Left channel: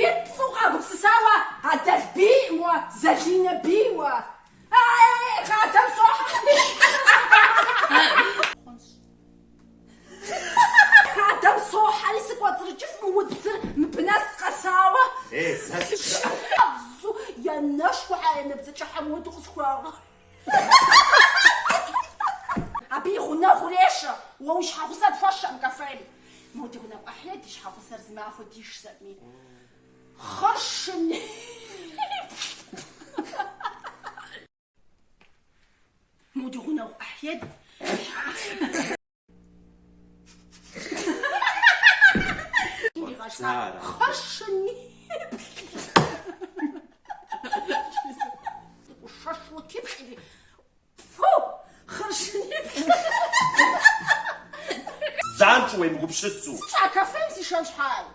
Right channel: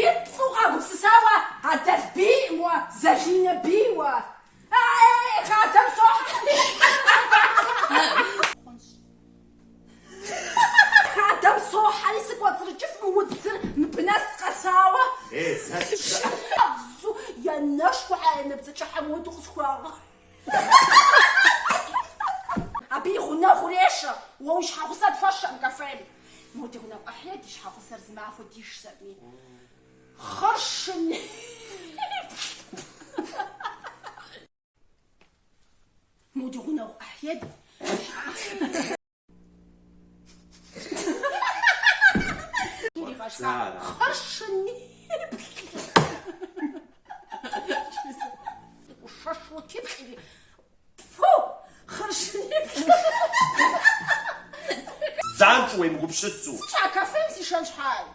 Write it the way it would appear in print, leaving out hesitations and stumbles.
بيت سوقا بسساوة هذا البيوة زالينا بيوة خاتم صح خاتم صح عليك وترجف ودثر مبناس قساوة ايه زهقت يا نشوى عينا بتشح حمود وخسخوارة أبي غنا خليشة ووش حافظات فشة مكفالي مودي غنا أحياتي حافظ زما فديش سامي خرشني مودي غنا أحياتي خرشني وشش وتبحلي فو خرشني زعمت وين مو بشسو شعكا فهمتي شحال